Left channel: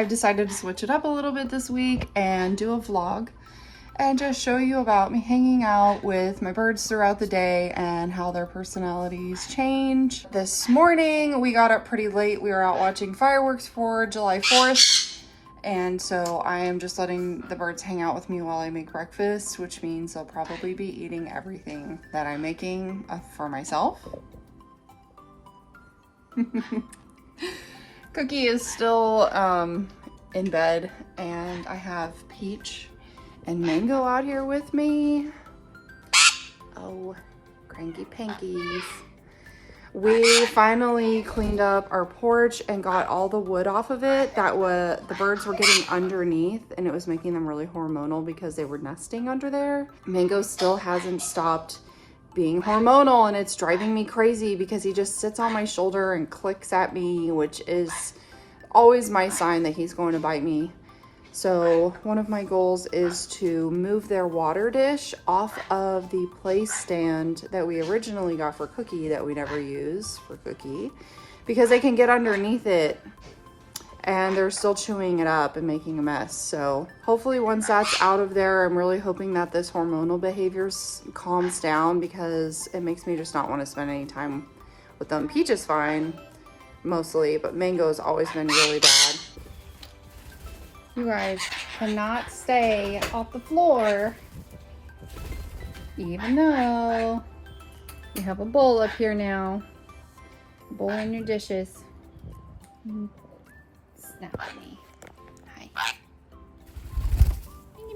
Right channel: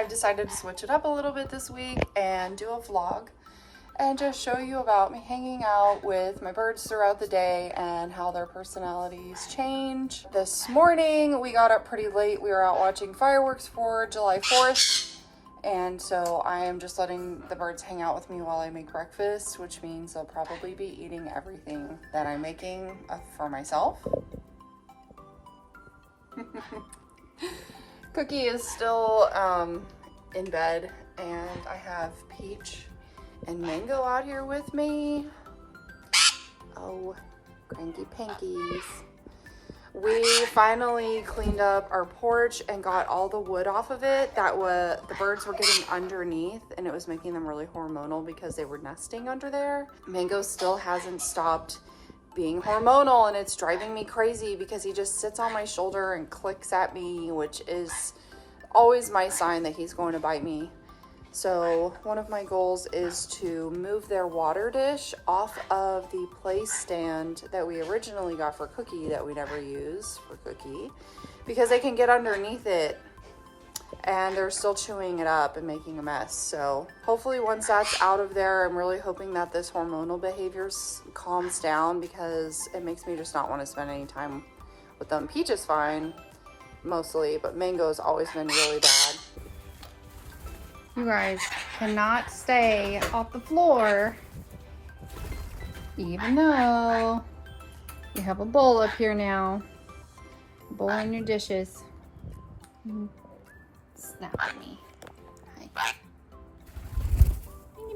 I've decided to switch it up a little bit this week and do a vlog and just show you about me hanging out with my birds throughout the day and how their personalities change. This morning we got up pretty late. We were out watching fireworks for July 4th. And so I am just letting the birds hang out with me while I make breakfast, which means they'll probably be eating everything that I'm making for myself. Cookie is still in bed, and I have Peach and Mango out here with me. Oh, cranky pankies. We finally cleaned up our porch and got all the wood off of it that the birds were getting underneath, and it was making them really hormonal because they were nesting under there. Mango still hasn't stopped being hormonal, and it's driving me crazy because he just sits on my shoulder and clicks at me, which is always my sign that he's going to bite me. So one of my goals is to move their water dish off of the place stand that we originally got for Cookie that we never use for Cookie, because they can get underneath it and they're still chewing it up and making a mess. So hopefully once that's out of there, I'm really hoping that this hormonal behavior calms down, because it makes me just not want to spend any time with them. Peach is fine mostly, but Mango's always been really bad. You guys cannot stay off the floor, even though you have a bowl up here now. A bowl in your dishes. Snap at me. Hi. Oh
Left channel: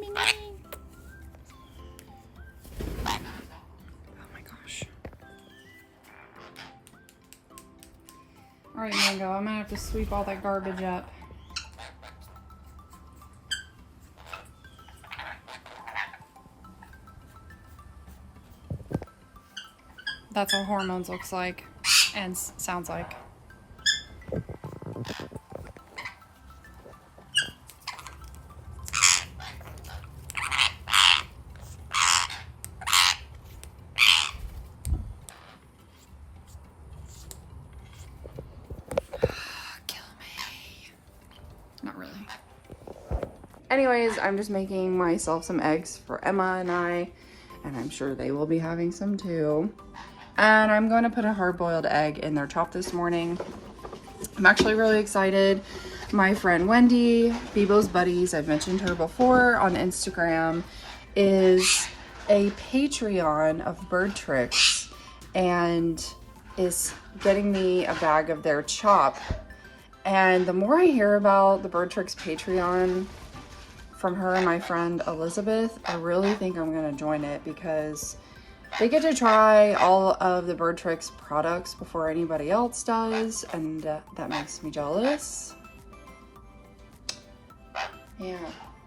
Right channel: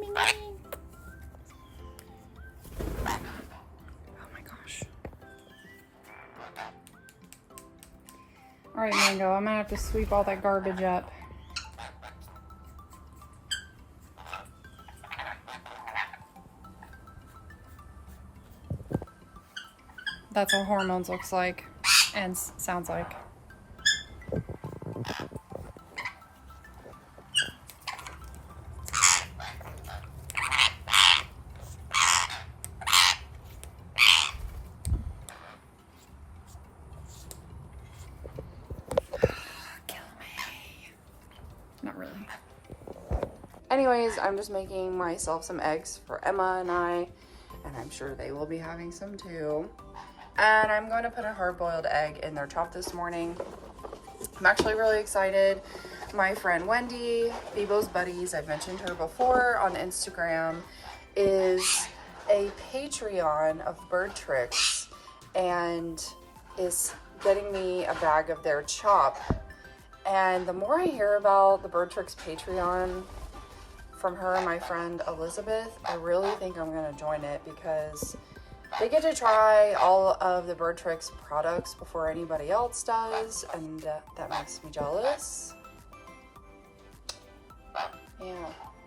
my gosh. All right, Mango, I'm gonna have to sweep all that garbage up. That's what hormones looks like and sounds like. Kill me. Not really. Anyways, I'm just making myself some eggs for Emma and I, and I'm sure they will be having some too. And I'm going to put a hard-boiled egg in their top this morning. I'm actually really excited. My friend Wendy, Bebo's Buddies, I've mentioned her before on Instagram, is a Patreon of bird tricks and is getting me a bag of their chop. And the more I hear about the Bird Tricks Patreon from her and my friend Elizabeth, I really think I'm going to join it, because they get to try all of the Bird Tricks products before anybody else does, and that makes me jealous. Yeah,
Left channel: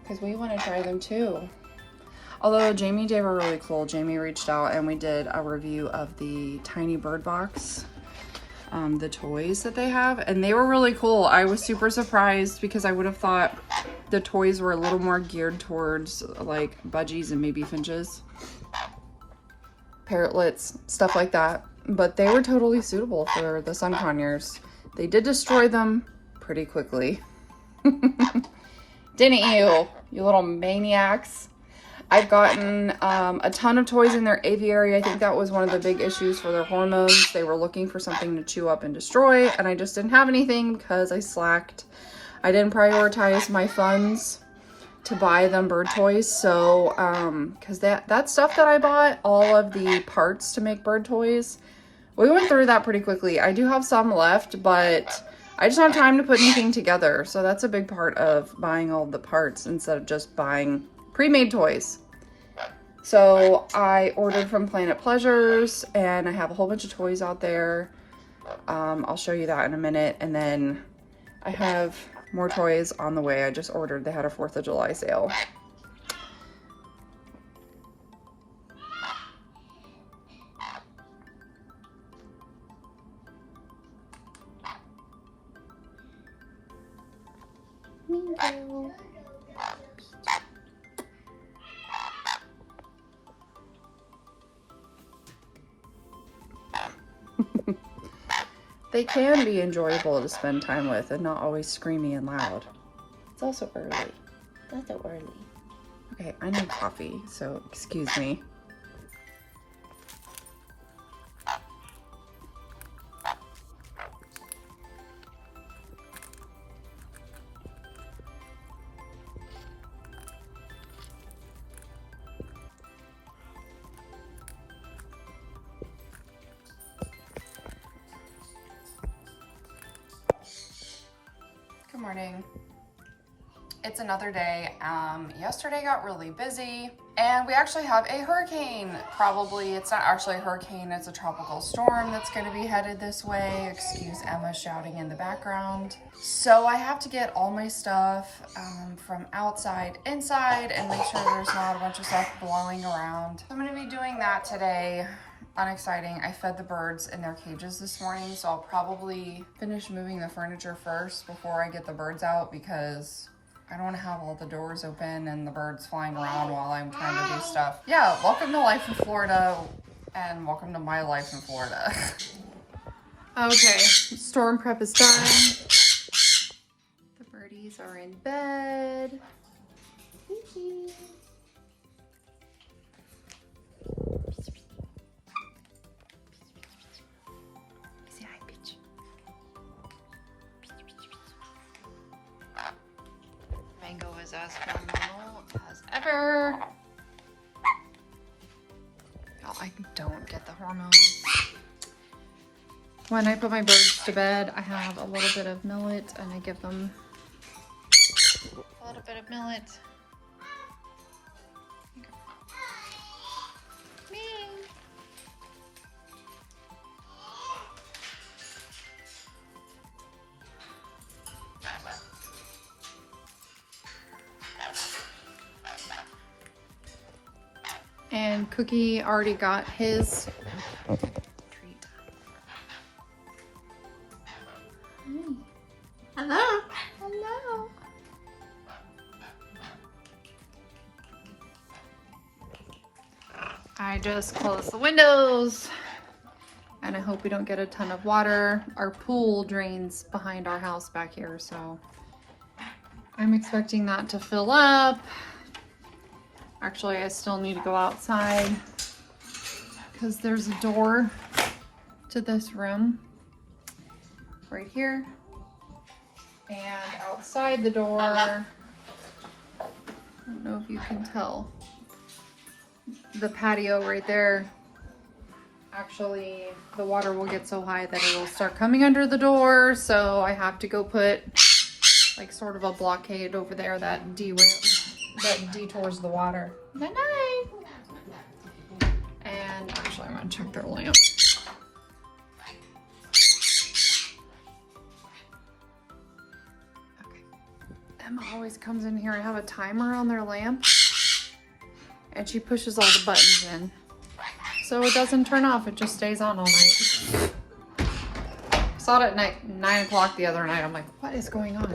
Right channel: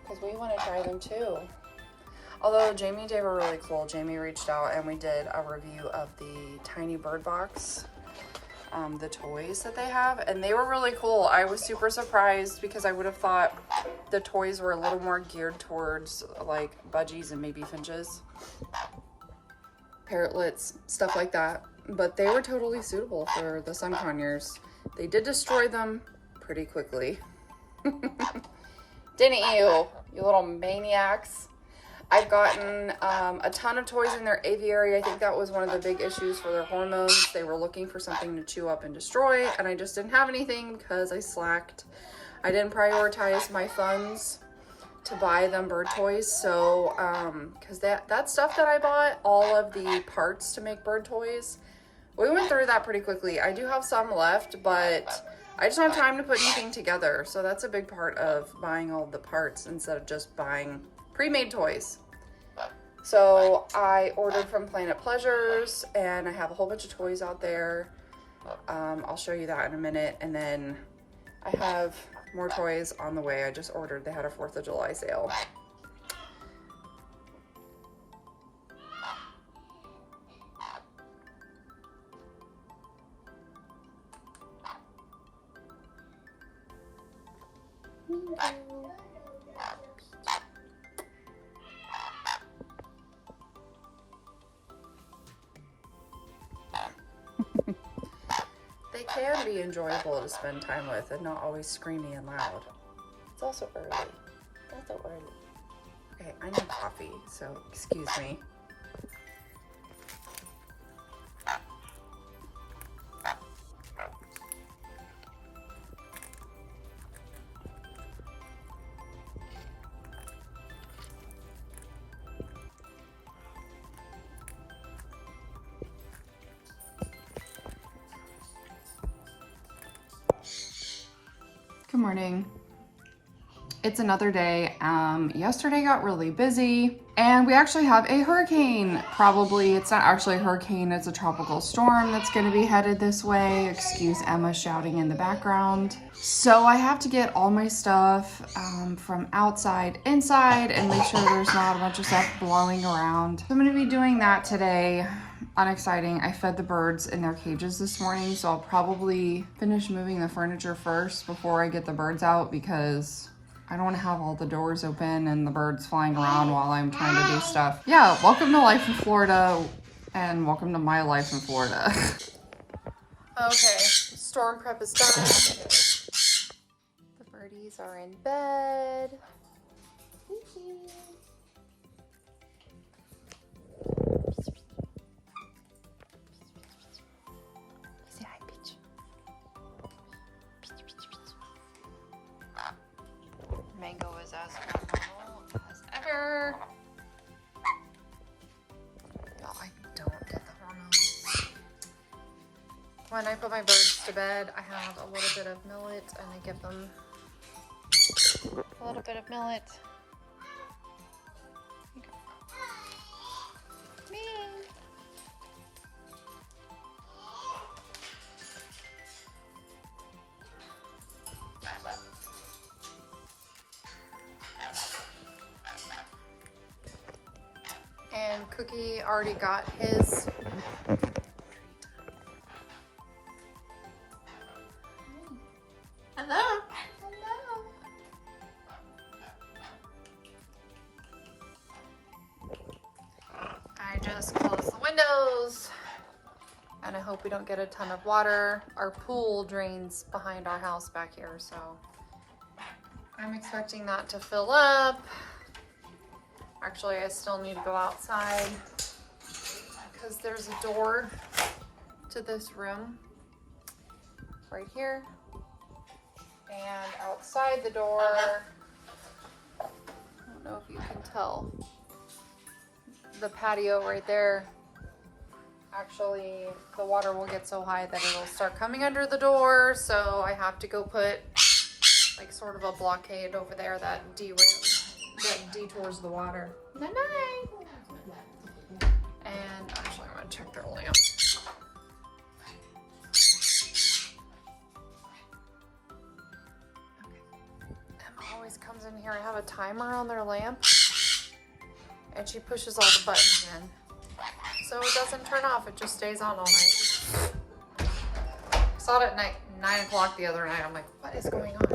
because we want to try them too. Although Jamie they were really cool. Jamie reached out and we did a review of the tiny bird box, the toys that they have, and they were really cool. I was super surprised because I would have thought the toys were a little more geared towards like budgies and maybe finches, parrotlets, stuff like that, but they were totally suitable for the sun conures. They did destroy them pretty quickly. Didn't you little maniacs? I've gotten a ton of toys in their aviary. I think that was one of the big issues for their hormones. They were looking for something to chew up and destroy, and I just didn't have anything because I slacked. I didn't prioritize my funds to buy them bird toys. So because that stuff that I bought, all of the parts to make bird toys, we went through that pretty quickly. I do have some left, but I just don't have time to put anything together. So that's a big part of buying all the parts instead of just buying pre-made toys. So I ordered from Planet Pleasures, and I have a whole bunch of toys out there. I'll show you that in a minute. And then I have more toys on the way. I just ordered. They had a 4th of July sale. They can be enjoyable to spend time with and not always screamy and loud. It's also early. That's so early. Okay, I need coffee, so excuse me. Good morning. It's another day. Yesterday got really busy and we actually have a hurricane. Probably, it's not actually a hurricane, it's a tropical storm that's gonna be headed this way. Excuse Emma shouting in the background. So I have to get all my stuff from outside inside and make sure there's not a bunch of stuff blowing around. So I'm gonna be doing that today. Unexciting. I fed the birds in their cages this morning, so I'll probably finish moving the furniture first before I get the birds out because I don't want to have all the doors open and the birds flying around while I'm trying to do stuff. Yeah, welcome to life in Florida and welcome to my life in Florida. Okay, storm prep is done. The birdies are in bed. As normal as ever. Y'all, I don't get the hormones. When I put my birds to bed, I have a little bit of millet and I give them a little bit of millet. And Cookie already got his treat. Hello. Hello. I just closed the windows and I hope we don't get a ton of water. Our pool drains behind our house back here, so I'm expecting that to fill up. Actually, I still need to go outside because there's a door to this room right here. And outside the door, I don't know if you can tell, the patio right there, actually the water will get so high that it'll start coming under the door. So I have to go put like sort of a blockade over there that detours the water. Night night. And actually, I'm gonna check their lamp. Okay. Emma always comes in here. I have a timer on their lamp, and she pushes all the buttons in, so it doesn't turn off. It just stays on all night. I saw it at 9 o'clock the other night. I'm like, what is going on?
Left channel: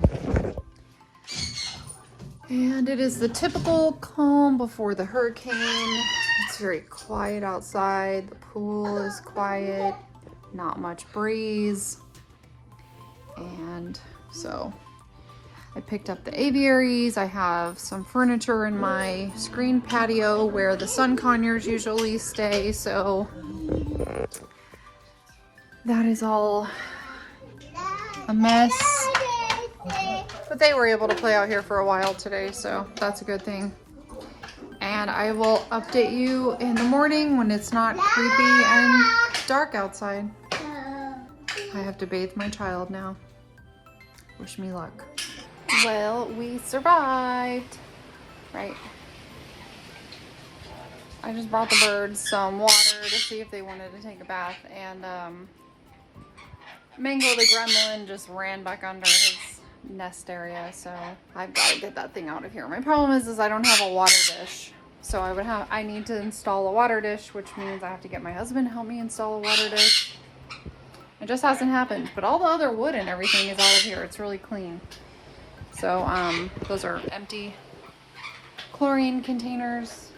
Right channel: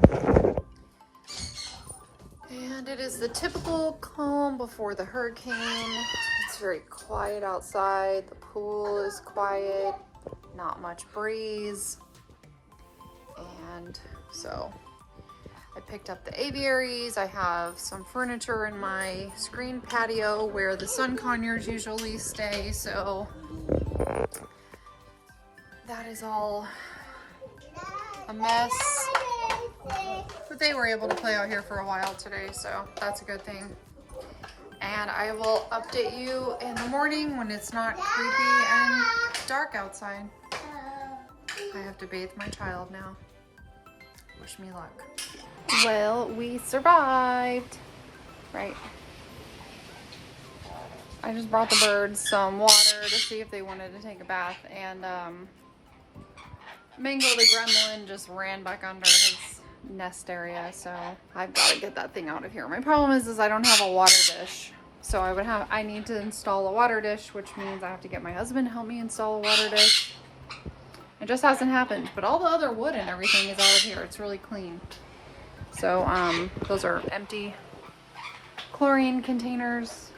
And it is the typical calm before the hurricane. It's very quiet outside. The pool is quiet, not much breeze. And so I picked up the aviaries. I have some furniture in my screen patio where the sun conures usually stay. So that is all a mess. But they were able to play out here for a while today, so that's a good thing. And I will update you in the morning when it's not creepy and dark outside. I have to bathe my child now. Wish me luck. Well, we survived, right? I just brought the birds some water to see if they wanted to take a bath, and Mango the gremlin just ran back under his nest area, so I've got to get that thing out of here. My problem is I don't have a water dish, so I need to install a water dish, which means I have to get my husband to help me install a water dish. It just hasn't happened, but all the other wood and everything is out of here. It's really clean. So those are empty chlorine containers.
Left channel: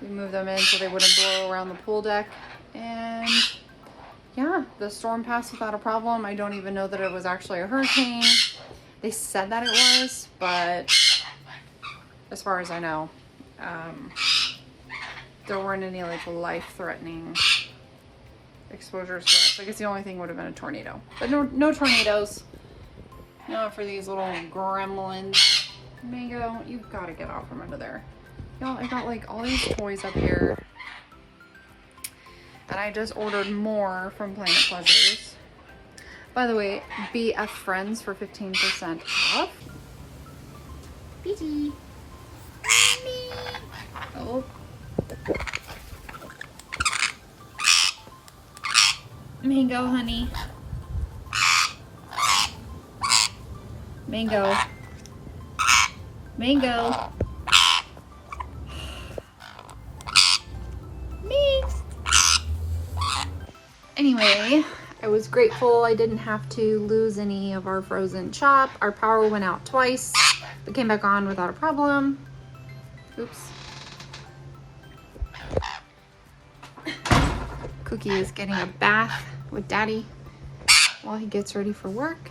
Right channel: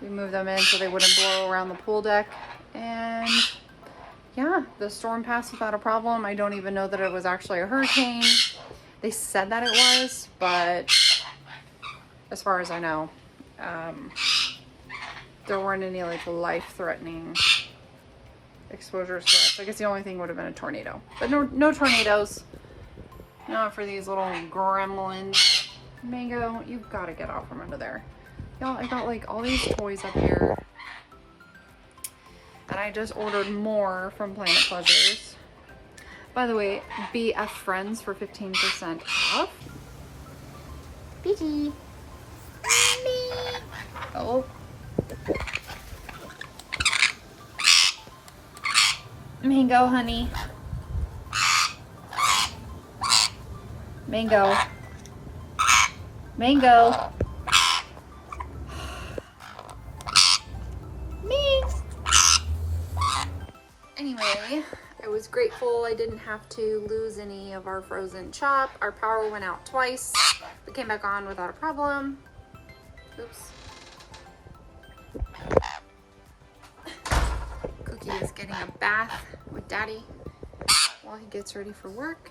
We moved them in so they wouldn't blow around the pool deck, and yeah, the storm passed without a problem. I don't even know that it was actually a hurricane. They said that it was, but as far as I know, there weren't any like life-threatening exposures for us. I guess the only thing would have been a tornado, but no tornadoes. Not for these little gremlins. Mango, you've got to get out from under there. Y'all, I got like all these toys up here. And I just ordered more from Planet Pleasures. By the way, BF Friends for 15% off. Beaky. Oh. Mango, honey. Mango. Mango. Me. Anyway, I was grateful I didn't have to lose any of our frozen chop. Our power went out twice, but came back on without a problem. Oops. Cookie is getting a bath with Daddy while he gets ready for work.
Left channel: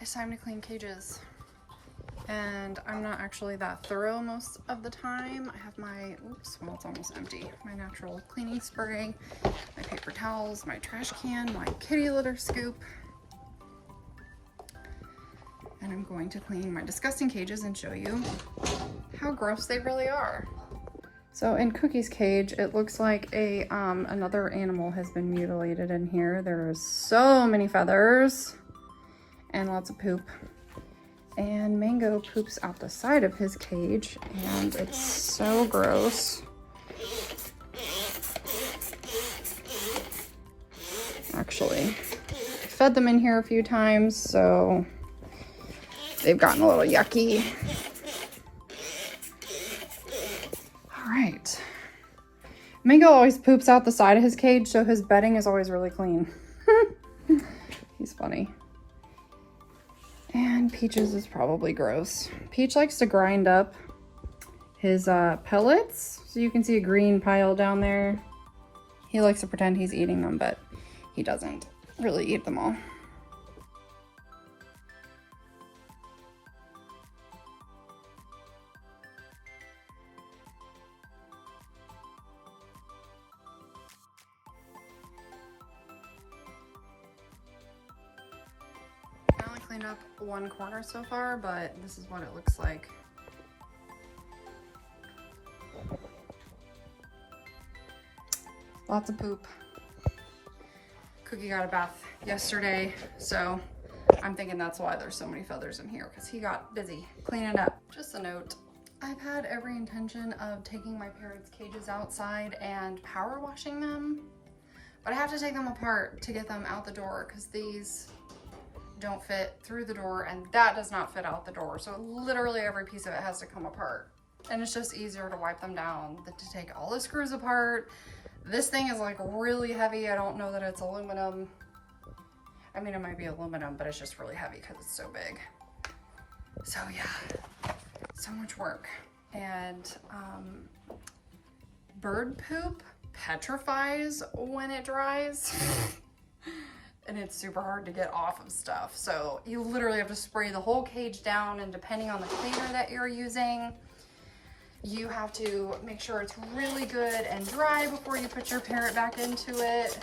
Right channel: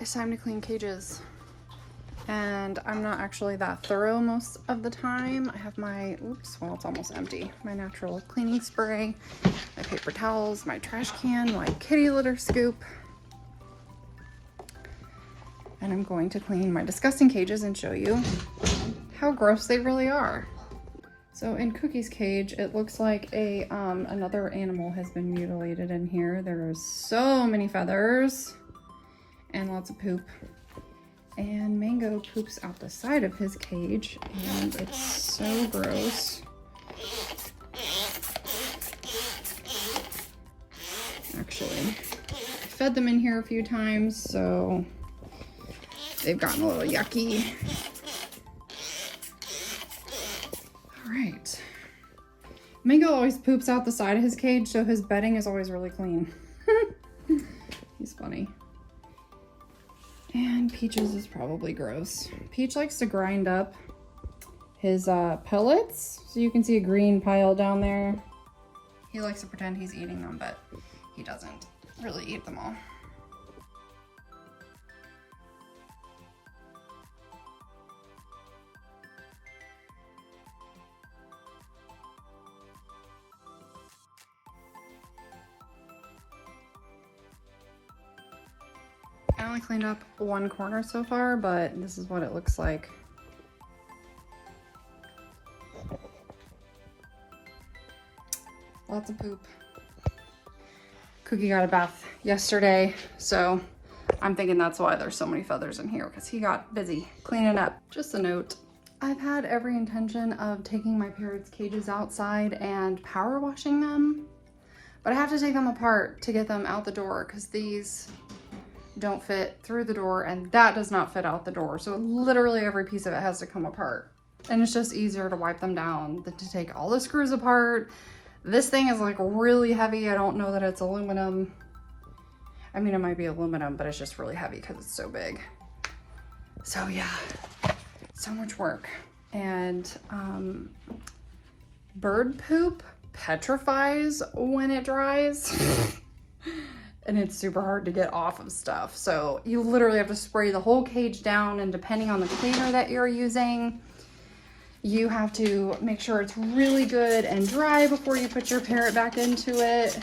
It's time to clean cages. And I'm not actually that thorough most of the time. I have my, oops, well, it's almost empty. My natural cleaning spray, my paper towels, my trash can, my kitty litter scoop. And I'm going to clean my disgusting cages and show you how gross they really are. So in Cookie's cage, it looks like another animal has been mutilated in here. There's so many feathers and lots of poop. And Mango poops out the side of his cage, and it's so gross. Actually, I fed them in here a few times, so they've gotten a little yucky. All right. Mango always poops out the side of his cage, so his bedding is always really clean. He's funny. And Peaches is probably gross. Peach likes to grind up his pellets, so you can see a green pile down there. He likes to pretend he's eating them, but he doesn't really eat them all. I only cleaned up one corner so far, but this is what it looks like. Lots of poop. Cookie got a bath yesterday, so I'm thinking that's why there's so many feathers in here, because he got busy cleaning up. Just a note, I've had every intention of taking my parrots' cages outside and power washing them, but I have to take them apart to get them out the door, because these don't fit through the door and that does not fit out the door. So literally every piece of it has to come apart. And it's just easier to wipe them down than to take all the screws apart. This thing is like really heavy. I don't know that it's aluminum. I mean, it might be aluminum, but it's just really heavy because it's so big. So yeah, so much work. And bird poop petrifies when it dries. And it's super hard to get off of stuff. So you literally have to spray the whole cage down, and depending on the cleaner that you're using, you have to make sure it's really good and dry before you put your parrot back into it.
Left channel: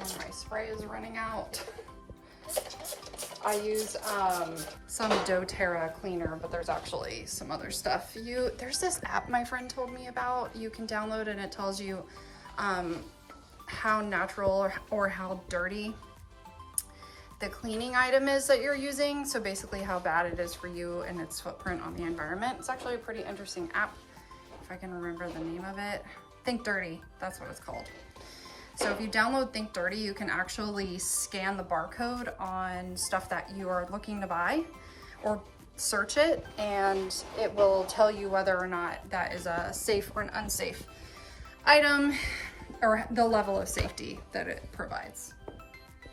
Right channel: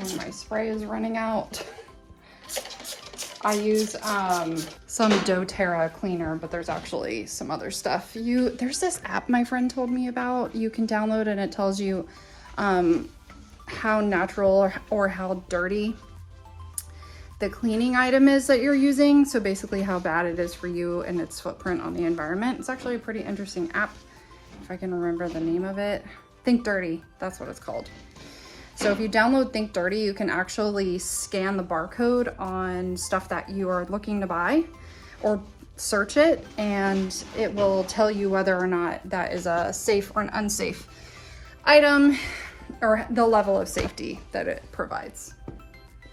And my spray is running out. I use some doTERRA cleaner, but there's actually some other stuff. There's this app my friend told me about. You can download and it tells you how natural or how dirty the cleaning item is that you're using. So basically how bad it is for you and its footprint on the environment. It's actually a pretty interesting app, if I can remember the name of it. Think Dirty, that's what it's called. So if you download Think Dirty, you can actually scan the barcode on stuff that you are looking to buy or search it, and it will tell you whether or not that is a safe or an unsafe item, or the level of safety that it provides.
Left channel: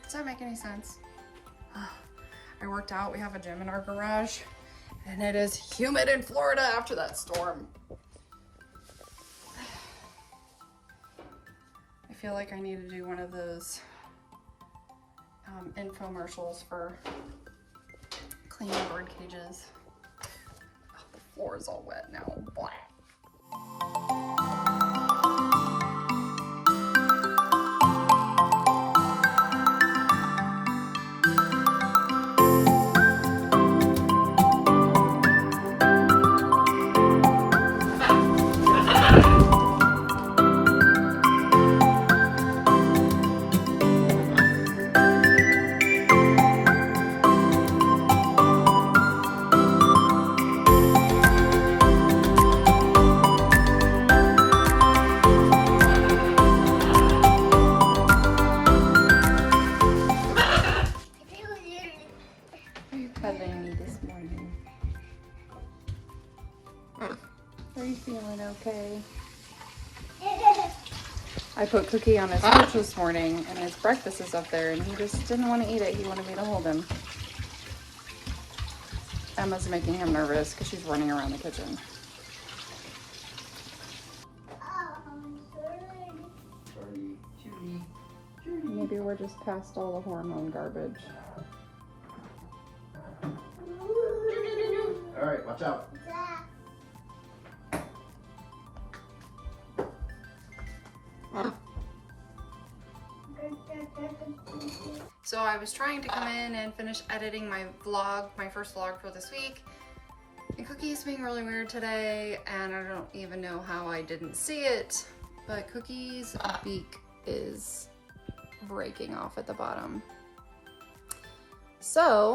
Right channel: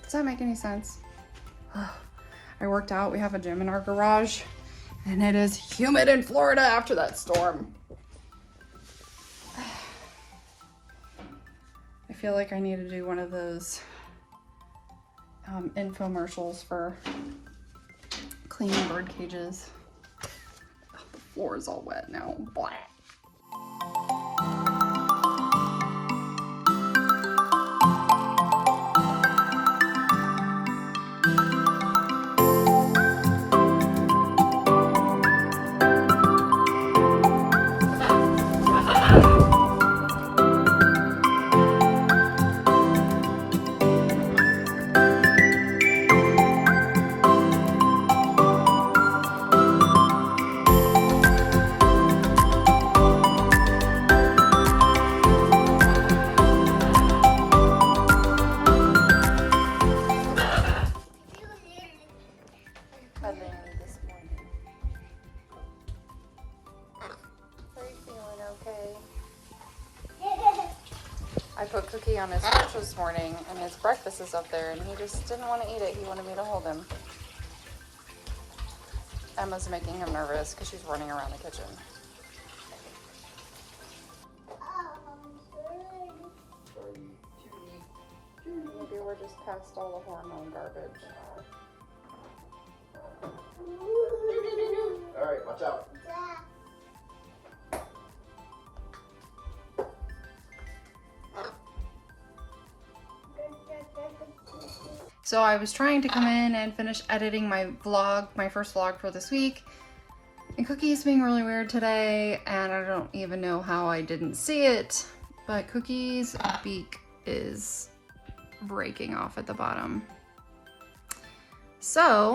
Does that make any sense? I worked out. We have a gym in our garage, And it is humid in Florida after that storm. I feel like I need to do one of those infomercials for cleaning bird cages. Oh, the floor is all wet now. Blah. Are you feeling okay? I put Cookie on his couch this morning and his breakfast is up there and he just didn't want to eat it. He wanted me to hold him. Emma's making him nervous because she's running around the kitchen. Maybe we're just past all the hormone garbage. All right, watch out. So I was trying to come in and finish editing my vlog, my first vlog for this week. And Cookie is being really weird today, and I don't even know how I didn't see it, but Cookie's beak is breaking off at the bottom. So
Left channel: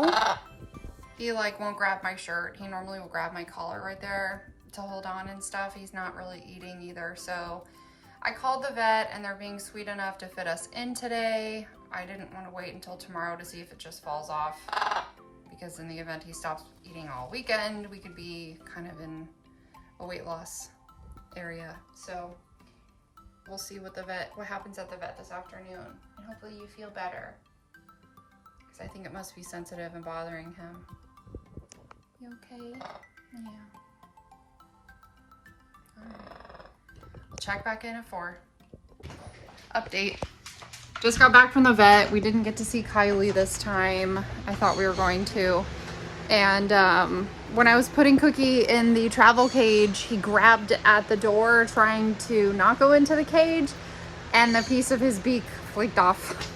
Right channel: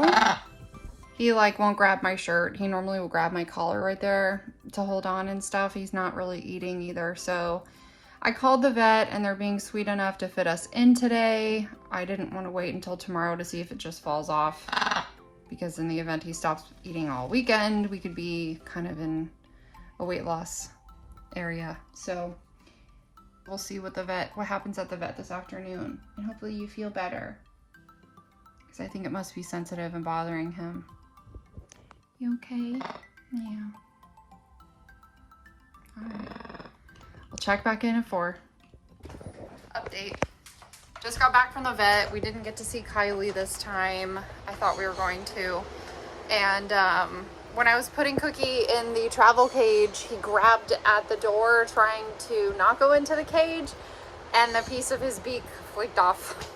he like won't grab my shirt. He normally will grab my collar right there to hold on and stuff. He's not really eating either. So I called the vet and they're being sweet enough to fit us in today. I didn't want to wait until tomorrow to see if it just falls off, because in the event he stops eating all weekend, we could be kind of in a weight loss area. So we'll see what happens at the vet this afternoon, and hopefully you feel better, because I think it must be sensitive and bothering him. You okay? Yeah. All right. I'll check back in at 4. Update. Just got back from the vet. We didn't get to see Kylie this time. I thought we were going to. And when I was putting Cookie in the travel cage, he grabbed at the door trying to not go into the cage, and the piece of his beak flaked off.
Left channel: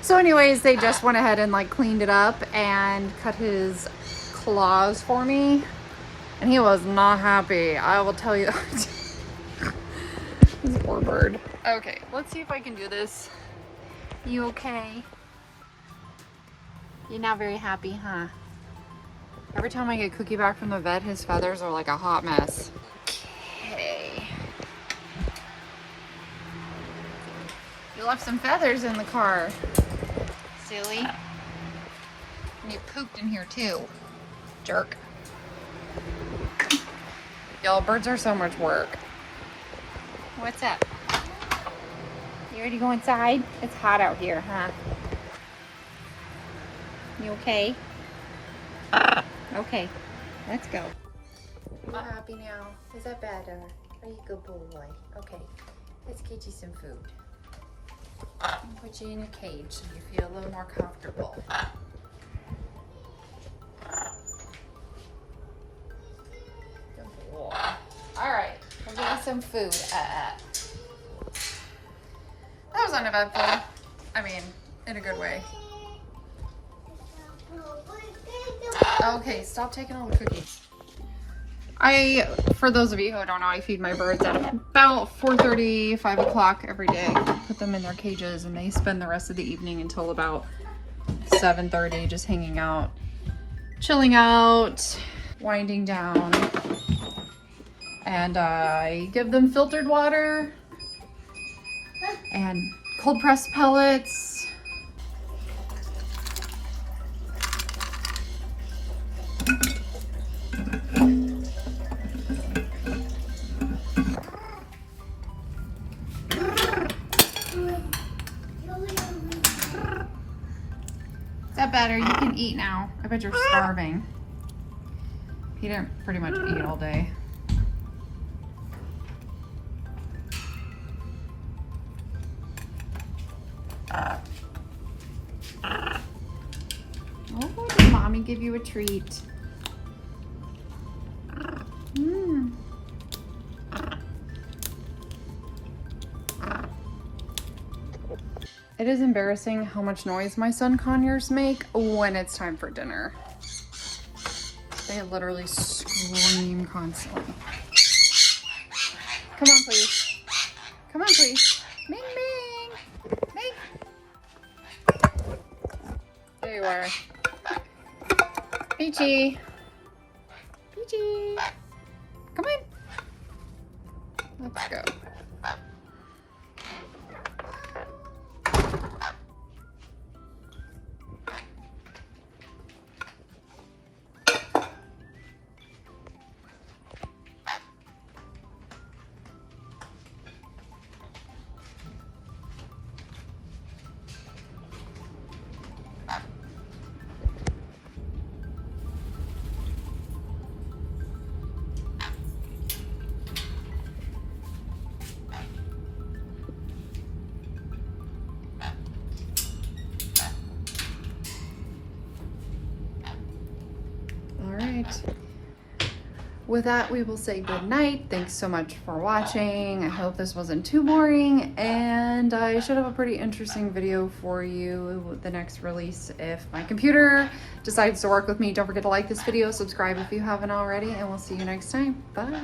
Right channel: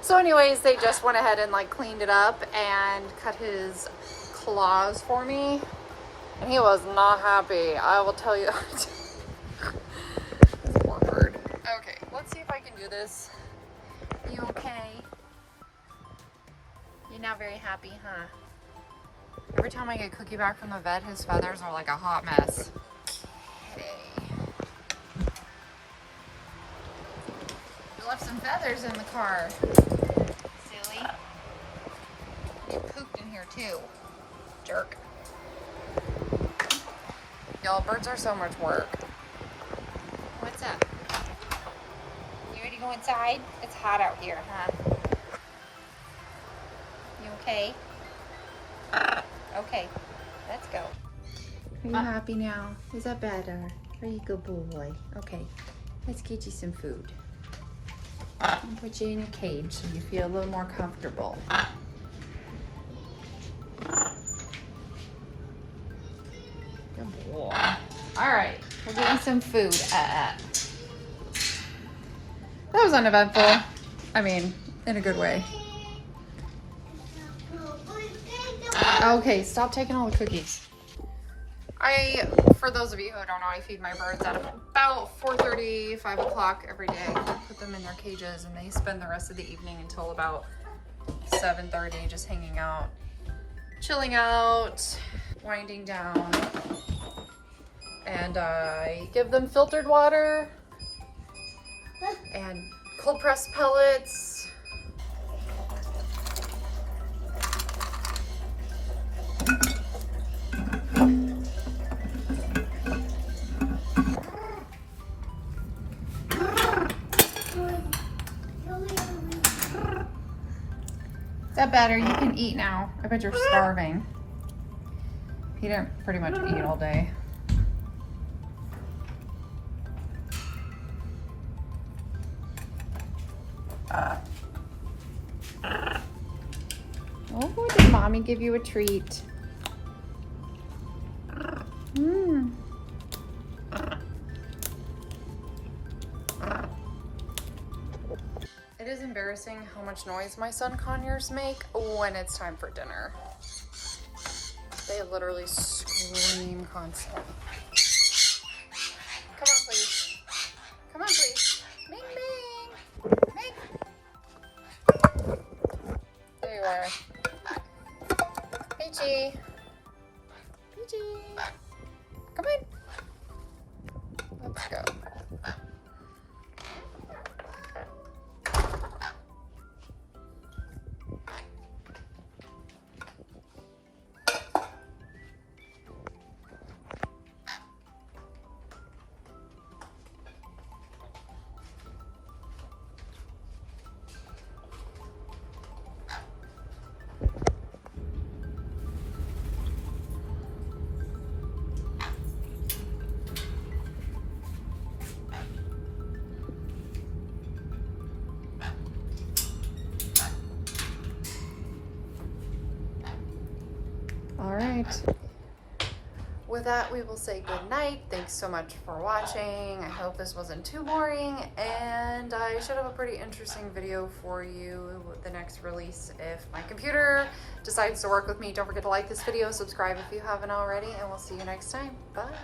So anyways, they just went ahead and like cleaned it up and cut his claws for me. And he was not happy, I will tell you that. This poor bird. Okay, let's see if I can do this. You okay? You're not very happy, huh? Every time I get Cookie back from the vet, his feathers are like a hot mess. Okay. You left some feathers in the car. Silly. And you pooped in here too. Jerk. Y'all, birds are so much work. What's up? You ready to go inside? It's hot out here, huh? You okay? Okay, let's go. Are you happy now? Is that better? Are you a good boy? Okay, let's get you some food. I'll put you in a cage so you feel a little more comfortable. Alright, we'll get you some food. That was uneventful. I mean, in a good way. Okay, stop taking all the cookies. For those of you who don't know, I feed my birds at about 4:30, 5 o'clock every day. Put them in their cages and they spend the rest of the evening until about 7:30 just hanging out, chilling out, winding down. And I give them filtered water and cold pressed pellets. Is that better? You can eat now. I bet you're starving. He didn't pretty much eat all day. Oh, did mommy give you a treat? Mm. It is embarrassing how much noise my sun conures make when it's time for dinner. They literally scream constantly. Come on, please. Come on, please. Ming, Ming. Hey. There you are. Peachy. Peachy. Come on. Let's go. All right. With that, we will say good night. Thanks so much for watching. I hope this wasn't too boring, and I should have a pretty interesting video for you with the next release if my computer decides to work with me. Don't forget to like this video, subscribe if you haven't already, and we'll see you next time. Bye.